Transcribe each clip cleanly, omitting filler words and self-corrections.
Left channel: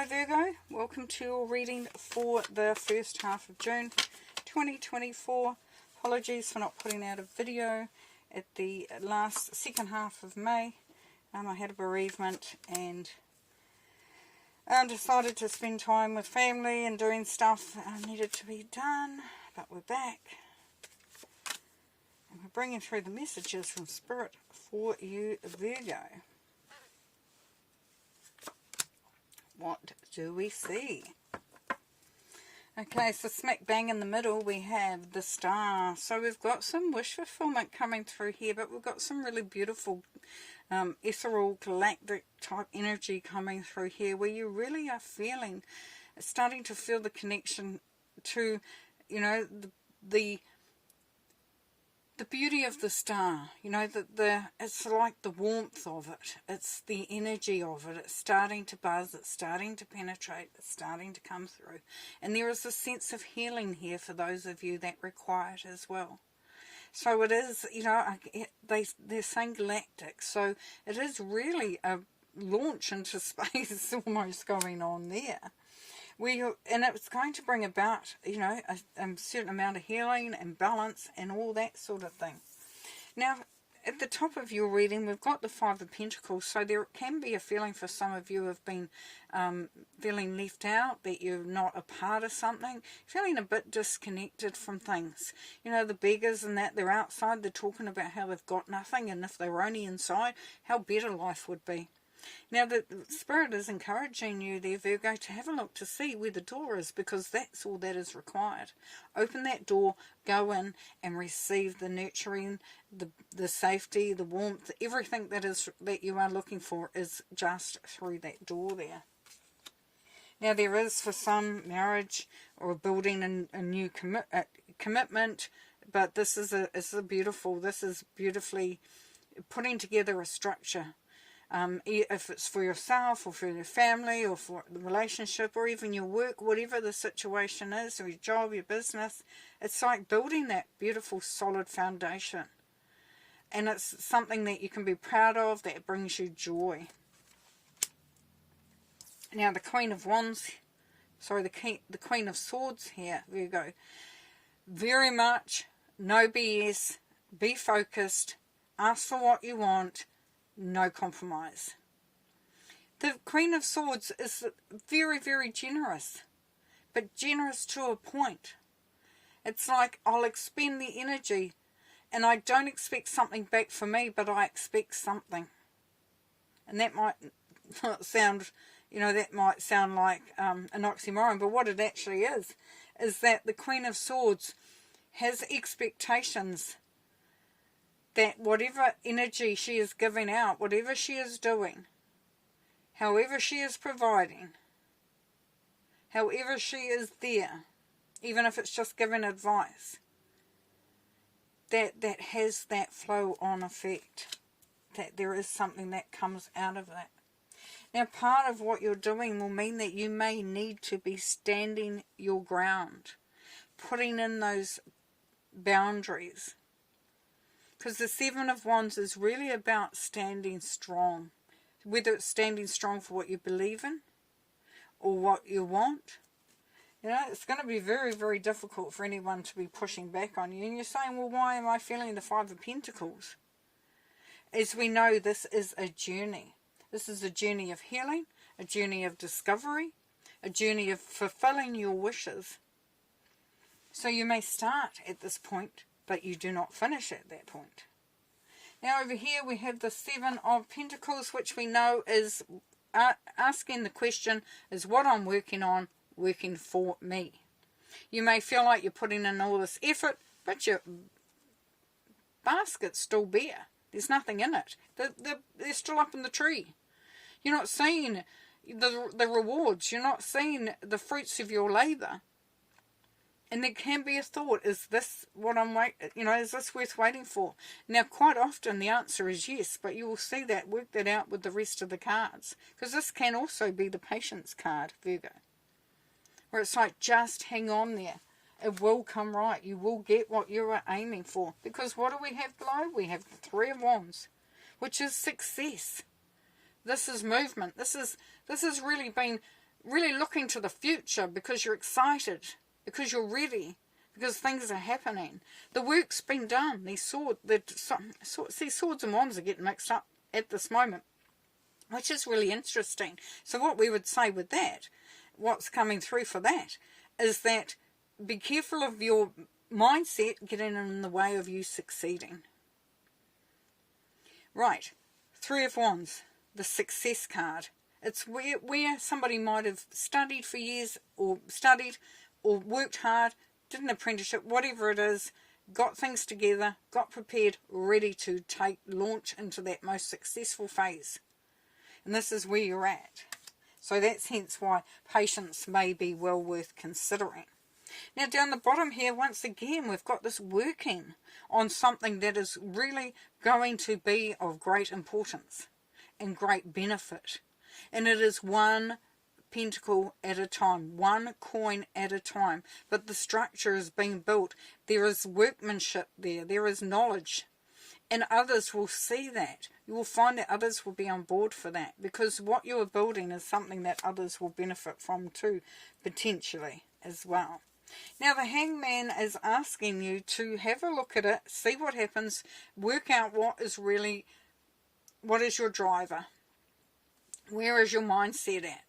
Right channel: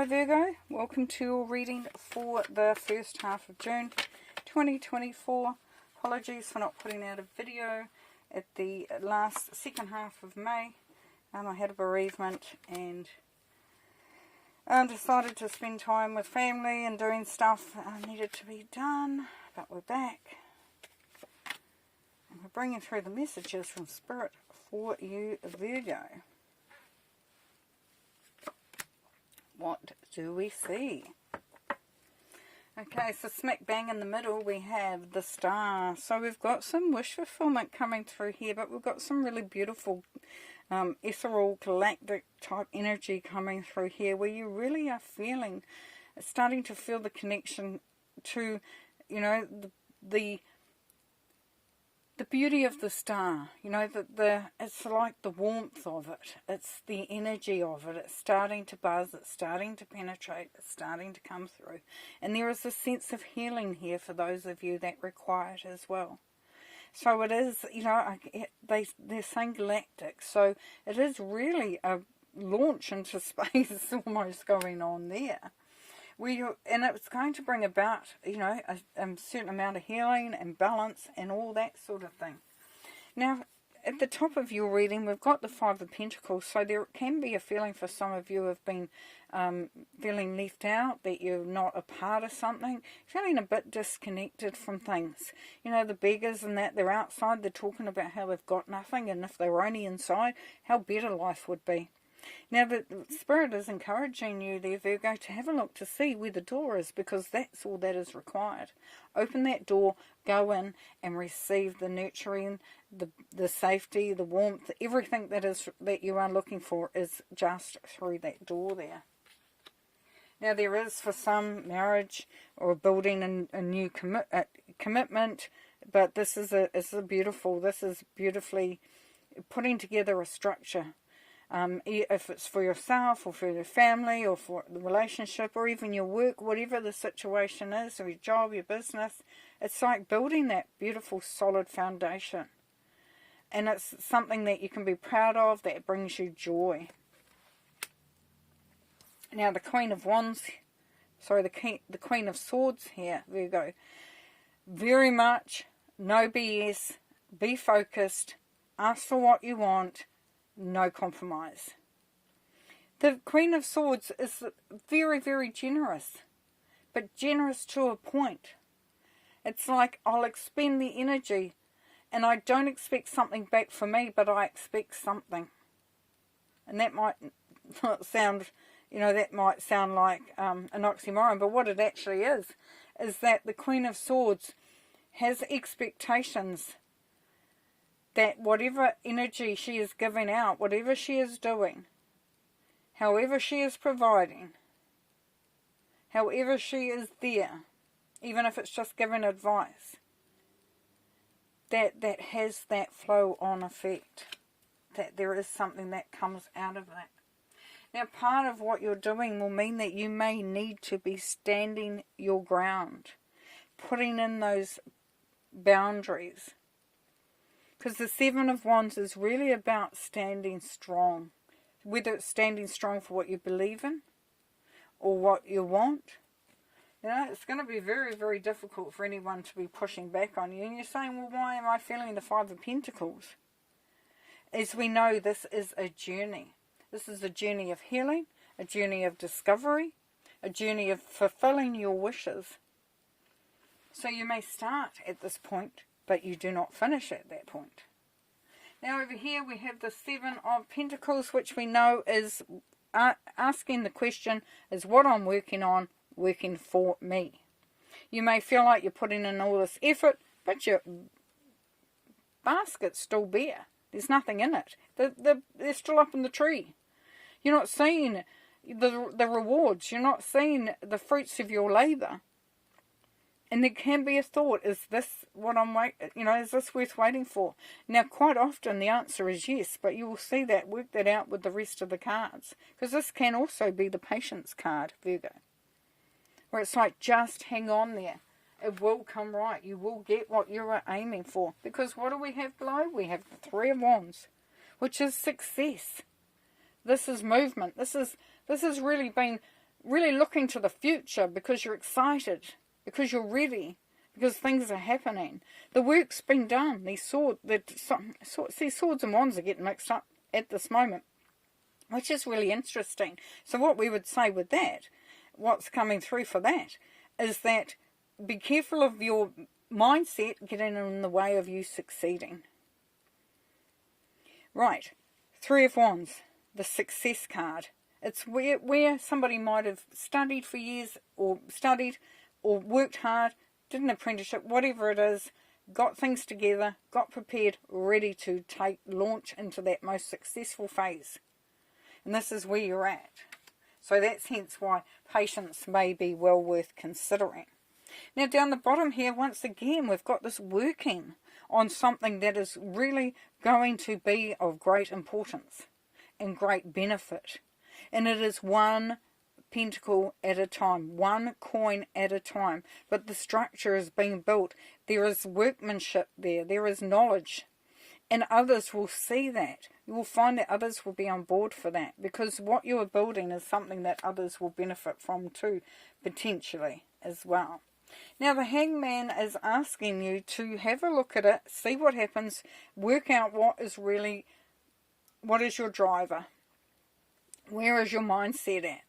Hello Virgo, welcome to your reading for the first half of June 2024. Apologies for not putting out a video at the second half of May. I had a bereavement and I decided to spend time with family and doing stuff that needed to be done, but we're back. And we're bringing through the messages from Spirit for you, Virgo. What do we see? Okay, so smack bang in the middle we have the Star. So we've got some wish fulfillment coming through here, but we've got some really beautiful ethereal galactic type energy coming through here, where you really are starting to feel the connection to, you know, the beauty of the star. You know, it's like the warmth of it. It's the energy of it. It's starting to buzz. It's starting to penetrate. It's starting to come through. And there is a sense of healing here for those of you that require it as well. So it is, you know, they're saying galactic. So it is really a launch into space almost going on there. And it's going to bring about, you know, a certain amount of healing and balance and all that sort of thing. Now, at the top of your reading, we've got the Five of Pentacles. So there can be a feeling for some of you have been feeling left out, that you're not a part of something, feeling a bit disconnected from things. You know, the beggars and that, they're outside, they're talking about how they've got nothing, and if they were only inside, how better life would be. Now, the Spirit is encouraging you there, Virgo, to have a look to see where the door is, because that's all that is required. Open that door, go in and receive the nurturing, the safety, the warmth, everything that you are looking for is just through that door there. Now, there is for some marriage or building a new commitment, but this is beautifully putting together a structure. If it's for yourself or for your family or for the relationship or even your work, whatever the situation is, or your job, your business, it's like building that beautiful solid foundation. And it's something that you can be proud of, that brings you joy. Now the Queen of Swords here, Virgo. Very much, no BS, be focused, ask for what you want, no compromise. The Queen of Swords is very, very generous, but generous to a point. It's like, I'll expend the energy, and I don't expect something back for me, but I expect something. And that might not sound, you know, that might sound like an oxymoron, but what it actually is that the Queen of Swords has expectations that whatever energy she is giving out, whatever she is doing, however she is providing, however she is there, even if it's just giving advice, that has that flow-on effect, that there is something that comes out of that. Now, part of what you're doing will mean that you may need to be standing your ground, putting in those boundaries. Because the Seven of Wands is really about standing strong. Whether it's standing strong for what you believe in or what you want. You know, it's going to be very, very difficult for anyone to be pushing back on you. And you're saying, well, why am I feeling the Five of Pentacles? As we know, this is a journey. This is a journey of healing, a journey of discovery, a journey of fulfilling your wishes. So you may start at this point, but you do not finish at that point. Now over here we have the Seven of Pentacles, which we know is asking the question, is what I'm working on working for me? You may feel like you're putting in all this effort, but your basket's still bare. There's nothing in it. They're still up in the tree. You're not seeing the rewards. You're not seeing the fruits of your labour. And there can be a thought, is this what is this worth waiting for? Now, quite often the answer is yes, but you will see that, work that out with the rest of the cards. Because this can also be the patience card, Virgo. Where it's like, just hang on there. It will come right. You will get what you are aiming for. Because what do we have below? We have the Three of Wands, which is success. This is movement. This has really been really looking to the future because you're excited, because you're ready, because things are happening. The work's been done. These swords and wands are getting mixed up at this moment, which is really interesting. So what we would say with that, what's coming through for that, is that be careful of your mindset getting in the way of you succeeding. Right, Three of Wands, the success card. It's where somebody might have studied for years, or worked hard, did an apprenticeship, whatever it is, got things together, got prepared, ready to launch into that most successful phase. And this is where you're at. So that's hence why patience may be well worth considering. Now down the bottom here, once again, we've got this working on something that is really going to be of great importance and great benefit. And it is one pentacle at a time, one coin at a time. But the structure is being built. There is workmanship there. There is knowledge. And others will see that. You will find that others will be on board for that. Because what you are building is something that others will benefit from too, potentially, as well. Now the Hangman is asking you to have a look at it, see what happens, work out what is your driver. Where is your mindset at?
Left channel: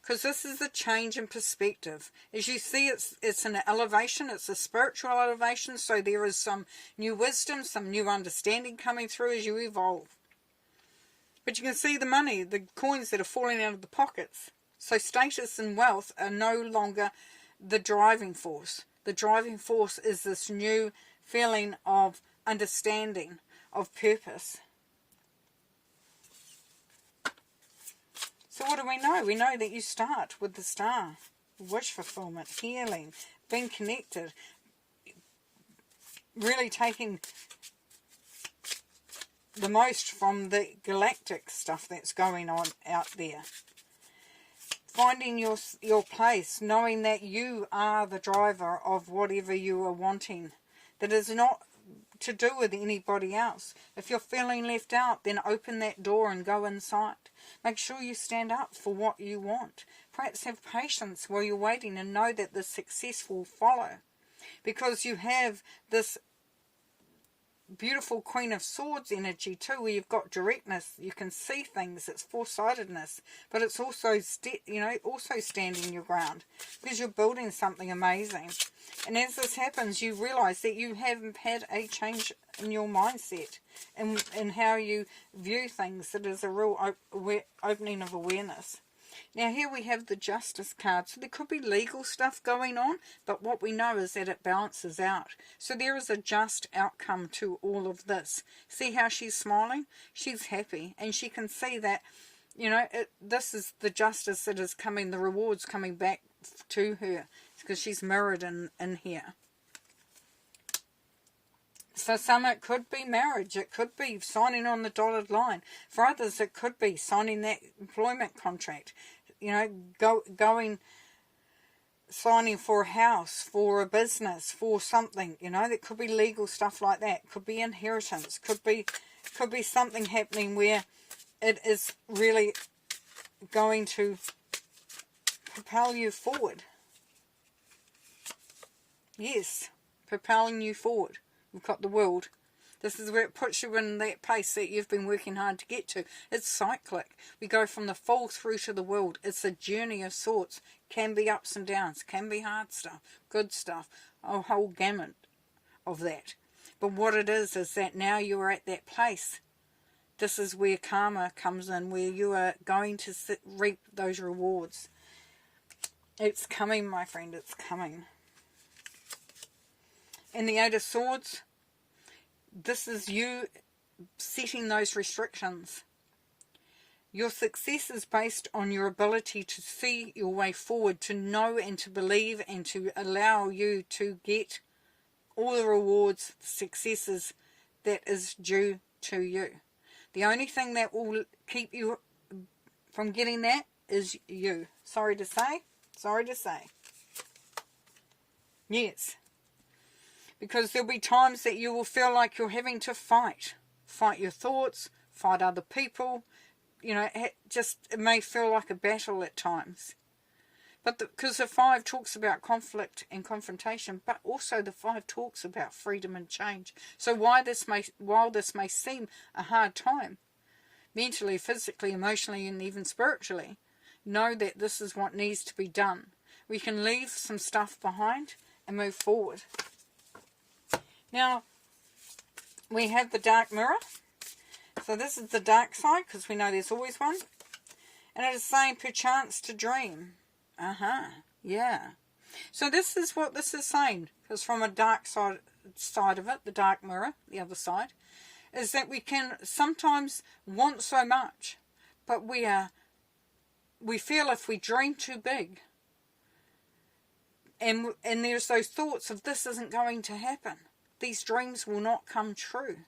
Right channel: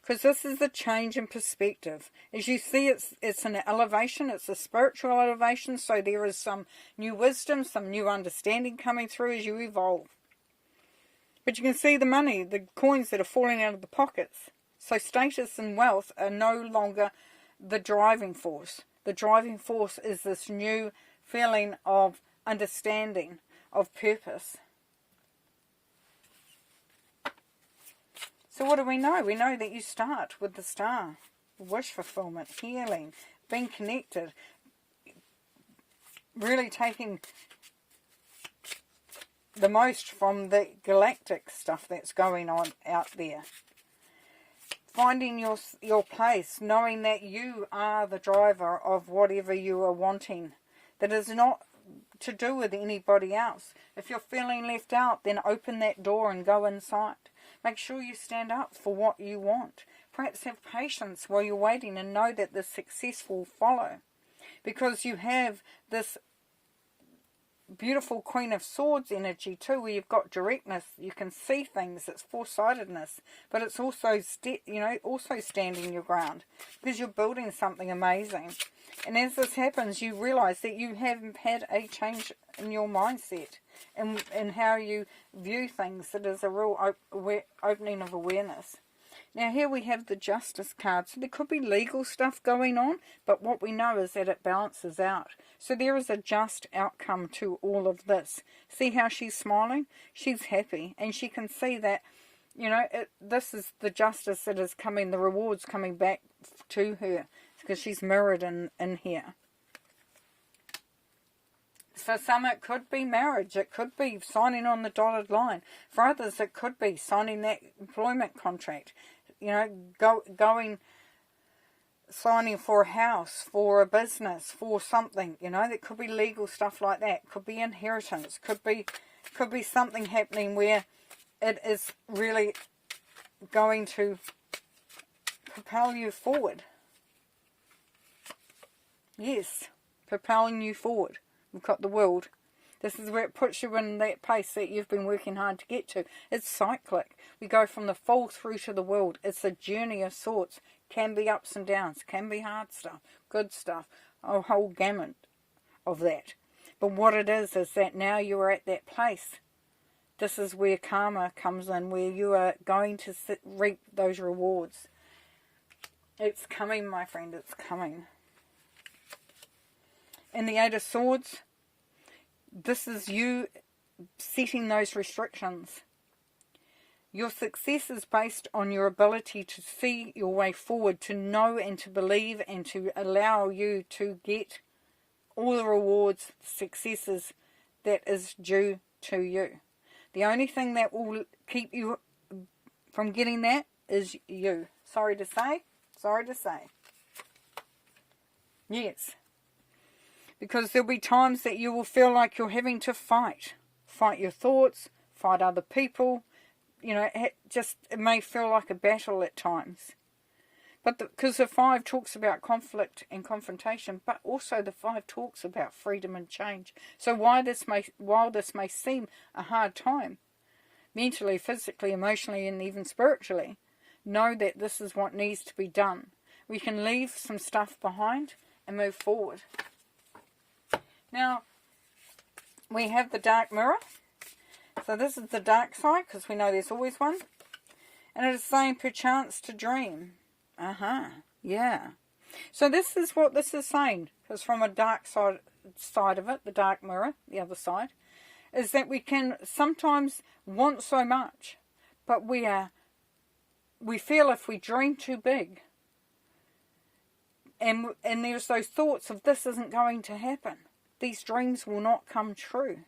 Because this is the change in perspective. As you see, it's an elevation, it's a spiritual elevation, so there is some new wisdom, some new understanding coming through as you evolve. But you can see the money, the coins that are falling out of the pockets. So status and wealth are no longer the driving force. The driving force is this new feeling of understanding, of purpose. So what do we know? We know that you start with the star. Wish fulfillment, healing, being connected. Really taking the most from the galactic stuff that's going on out there. Finding your place, knowing that you are the driver of whatever you are wanting. That is not to do with anybody else. If you're feeling left out, then open that door and go inside. Make sure you stand up for what you want. Perhaps have patience while you're waiting and know that the success will follow. Because you have this beautiful Queen of Swords energy too, where you've got directness, you can see things, it's foresightedness, but it's also also standing your ground because you're building something amazing. And as this happens, you realize that you haven't had a change in your mindset and how you view things. It is a real opening of awareness. Now here we have the Justice card. So there could be legal stuff going on, but what we know is that it balances out. So there is a just outcome to all of this. See how she's smiling? She's happy, and she can see that, this is the justice that is coming, the rewards coming back to her, because she's mirrored in here. For some it could be marriage, it could be signing on the dotted line. For others it could be signing that employment contract, signing for a house, for a business, for something, that could be legal stuff like that. Could be inheritance, could be something happening where it is really going to propel you forward. Yes, propelling you forward. We've got the World. This is where it puts you in that place that you've been working hard to get to. It's cyclic. We go from the Fall through to the World. It's a journey of sorts. Can be ups and downs. Can be hard stuff. Good stuff. A whole gamut of that. But what it is that now you are at that place. This is where karma comes in, where you are going to reap those rewards. It's coming, my friend. It's coming. And the Eight of Swords, this is you setting those restrictions. Your success is based on your ability to see your way forward, to know and to believe, and to allow you to get all the rewards, successes that is due to you. The only thing that will keep you from getting that is you. Sorry to say. Yes. Because there'll be times that you will feel like you're having to fight. Fight your thoughts, fight other people. It may feel like a battle at times. But because the 5 talks about conflict and confrontation, but also the 5 talks about freedom and change. So while this may seem a hard time, mentally, physically, emotionally, and even spiritually, know that this is what needs to be done. We can leave some stuff behind and move forward. Now, we have the dark mirror. So this is the dark side, because we know there's always one. And it is saying, perchance to dream. Yeah. So this is what this is saying. Because from a dark side of it, the dark mirror, the other side, is that we can sometimes want so much, but we feel if we dream too big, and there's those thoughts of this isn't going to happen, these dreams will not come true,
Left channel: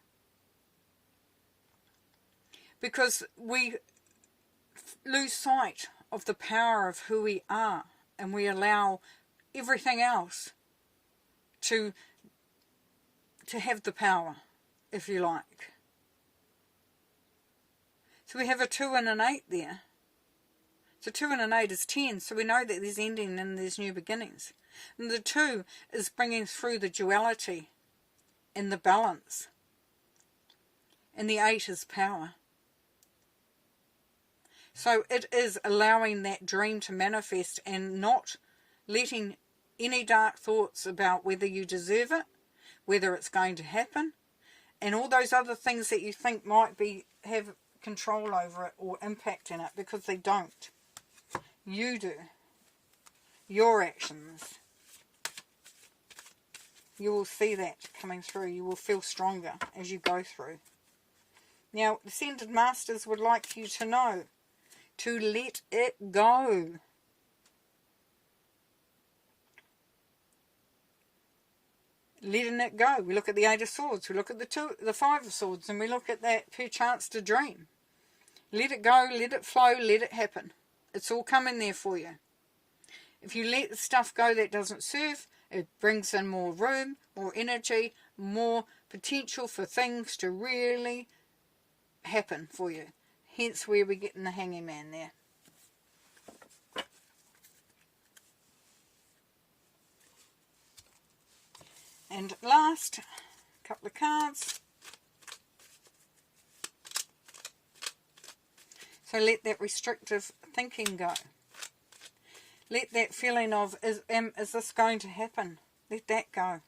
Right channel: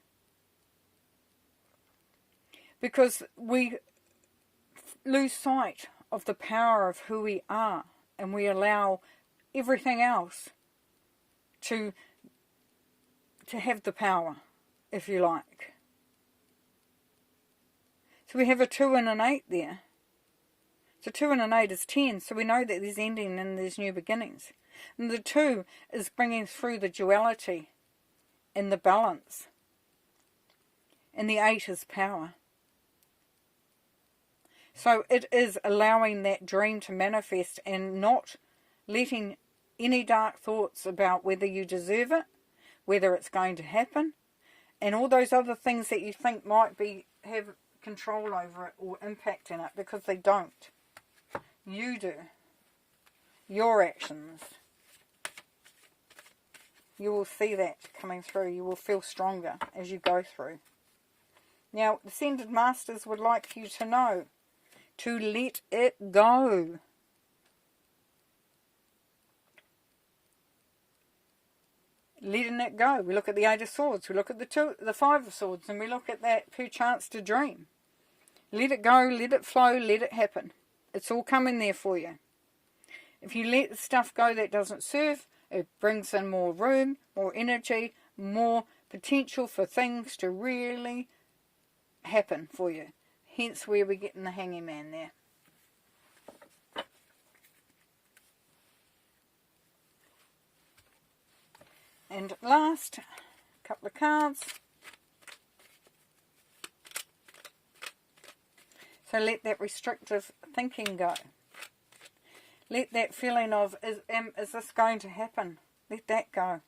because we lose sight of the power of who we are, and we allow everything else to have the power, if you like. So we have a 2 and an 8 there. So 2 and an 8 is 10, so we know that there's ending and there's new beginnings. And the 2 is bringing through the duality and the balance. And the 8 is power. So it is allowing that dream to manifest and not letting any dark thoughts about whether you deserve it, whether it's going to happen, and all those other things that you think might have control over it or impact in it, because they don't. You do. Your actions. You will see that coming through. You will feel stronger as you go through. Now, the Ascended Masters would like you to know to let it go. Letting it go. We look at the 8 of Swords, we look at the 5 of Swords, and we look at that perchance to dream. Let it go, let it flow, let it happen. It's all coming there for you. If you let the stuff go that doesn't serve, it brings in more room, more energy, more potential for things to really happen for you. Hence where we're getting the Hanging Man there. And last, a couple of cards. So let that restrictive thinking go. Let that feeling of, is this going to happen? Let that go.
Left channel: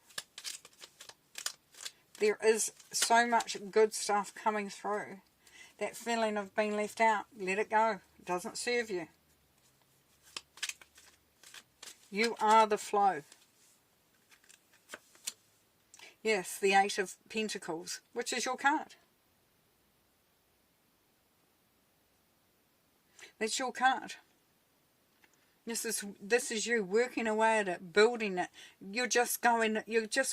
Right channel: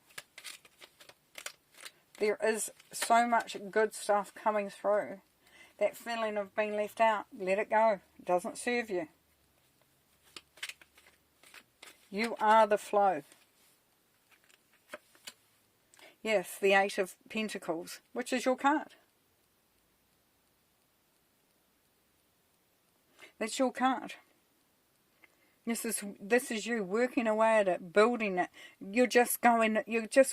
There is so much good stuff coming through. That feeling of being left out, let it go. It doesn't serve you. You are the flow. Yes, the 8 of Pentacles, which is your card. That's your card. This is you working away at it, building it. You're just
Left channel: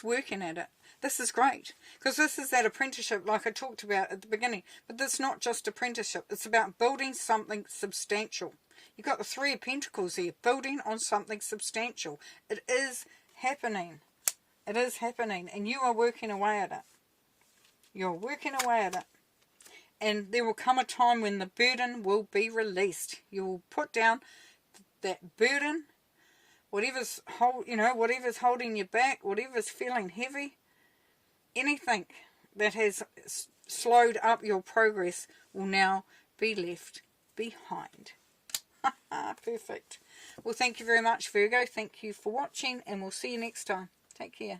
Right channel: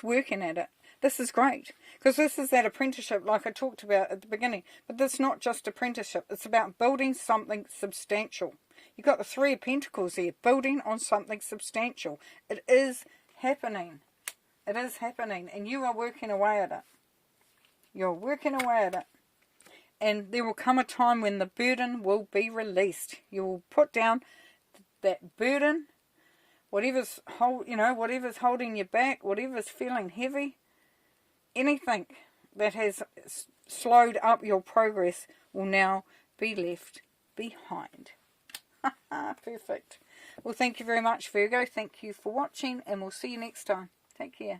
working at it. This is great, because this is that apprenticeship like I talked about at the beginning. But this is not just apprenticeship. It's about building something substantial. You've got the 3 of Pentacles here, building on something substantial. It is happening. It is happening, and you are working away at it. You're working away at it. And there will come a time when the burden will be released. You will put down that burden, whatever's holding you back, whatever's feeling heavy, anything that has slowed up your progress will now be left behind. Perfect. Well, thank you very much, Virgo. Thank you for watching, and we'll see you next time. Take care.